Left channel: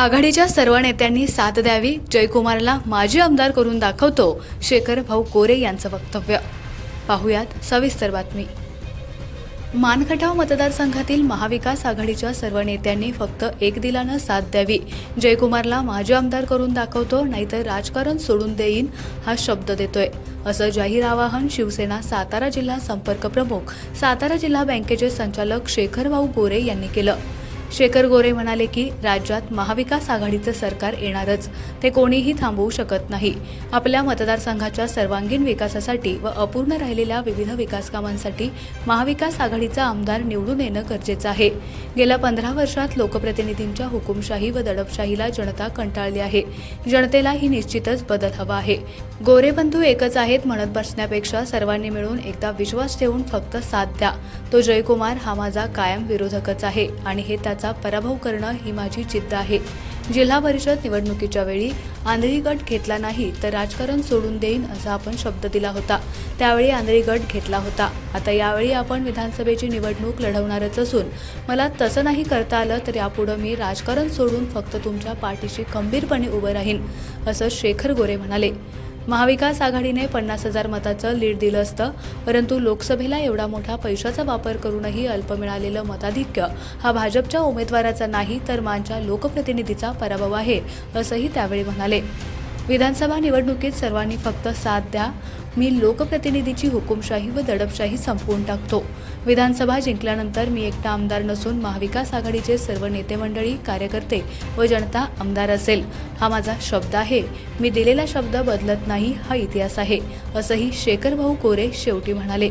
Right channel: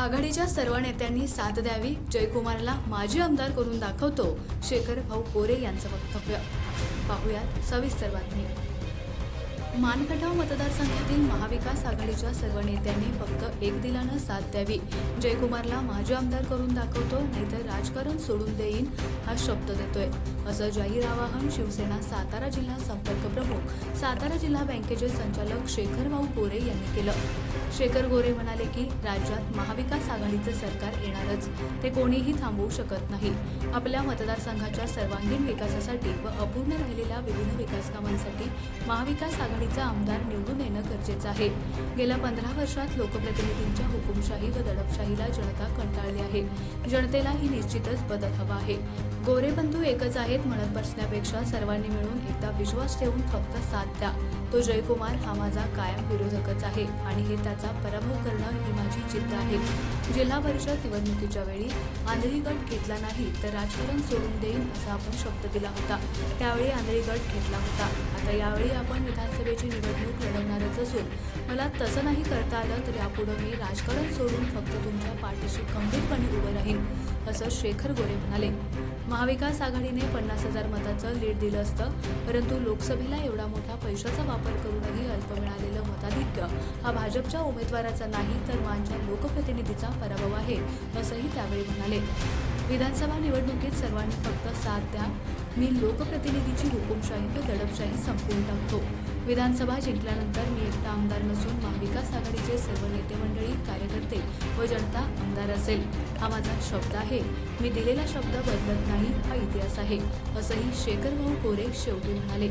आघाडीच्या सर्व नेत्यांनी साथ द्यावी जयकुमारला माजी आमदार करून दाखवतो शेखर भाऊ कोरे यांचं वक्तव्य. पाहुयात सविस्तर बातमी. मानखटाव मतदारसंघातील महाविकास आघाडीच्या सर्व नेत्यांनी फक्त एक दिलानं साथ द्यावी जयकुमारला माजी आमदार करून दाखवतो नाहीतर राजकारण सोडून देईन हा शब्द देतोय. असं जाहीर आवाहन शिवसेना सातारा जिल्हा संपर्क प्रमुख सातारा जिल्हा बँकेचे संचालक शेखर भाऊ गोरे यांनी केलं. शेखर गोरे म्हणाले की राज्यात महाविकास आघाडीचं सरकार येणारच. ते कोणीही थांबवू शकत नाही. आपल्या मतदारसंघाच्या सर्वांगीण विकासासाठी व अपूर्ण राहिलेल्या विविध विकास कामांसाठी महाविकास आघाडीचा आमदार निवडून येणं गरजेचं आहे. गेल्या पंधरा वर्षात लोकप्रतिनिधींच्या हुकुमशाही व दडपशाहीला जनता कंटाळली आहे. जनतेला ही निश्चितच बदल हवा आहे. गोरे बंधू एकच आहेत म्हणत बसण्यापेक्षा सर्वांनी मिळून एकदा विश्वास ठेवून फक्त साथ द्या. तो जयकुमार हा माझा कायम विरोधकच आहे आणि हे त्याचा पराभव करणं ही माझी जिद्द आहे. जिल्हा परिषद निवडणुकीच्या वेळी आंधळी गट घेतला नाही तर राजकारण सोडून देईन असा आपण शब्द दिला होता. त्यावेळी आंधळी गट घेतला होता. आता यावेळी आपण विधानसभेची निवडणूक लढवणारच असून मला तसं नाही करता आलं तर यापुढं मी राजकारण सोडून फक्त तुमच्या पाठीशी खंबीरपणे उभं राहीन असं शेखर गोरे म्हणाले. महाविकास आघाडीने पन्नास हजार मताचं लीड दिलं असतं परंतु लोकसभेला एवढा मोठा पैशाचा वापर करूनही अल्प मिळालेलं मताधिक्य हा भाजपच्या उमेदवाराचा नाही तर मानच्या लोकप्रतिनिधीचा पराभव आहे असंही त्यावेळी म्हणाले. विधानसभा निवडणुकीत सर्वांनी फक्त साथ द्या. मी लोकप्रतिनिधीची हुकुमशाही व दडपशाही संपवून टाकतो. विधानसभा जिंकल्यानंतर मी एकटा आमदार नसून महाविकास आघाडीचे सर्व नेते मंडळी कार्यकर्ते व जनता आमदार असेल. हा माझा शब्द आहे. मी दिलेला शब्द बदलत नाही हा इतिहास आहे. असंही शेखर भाऊ कोरे शेवटी म्हणाले.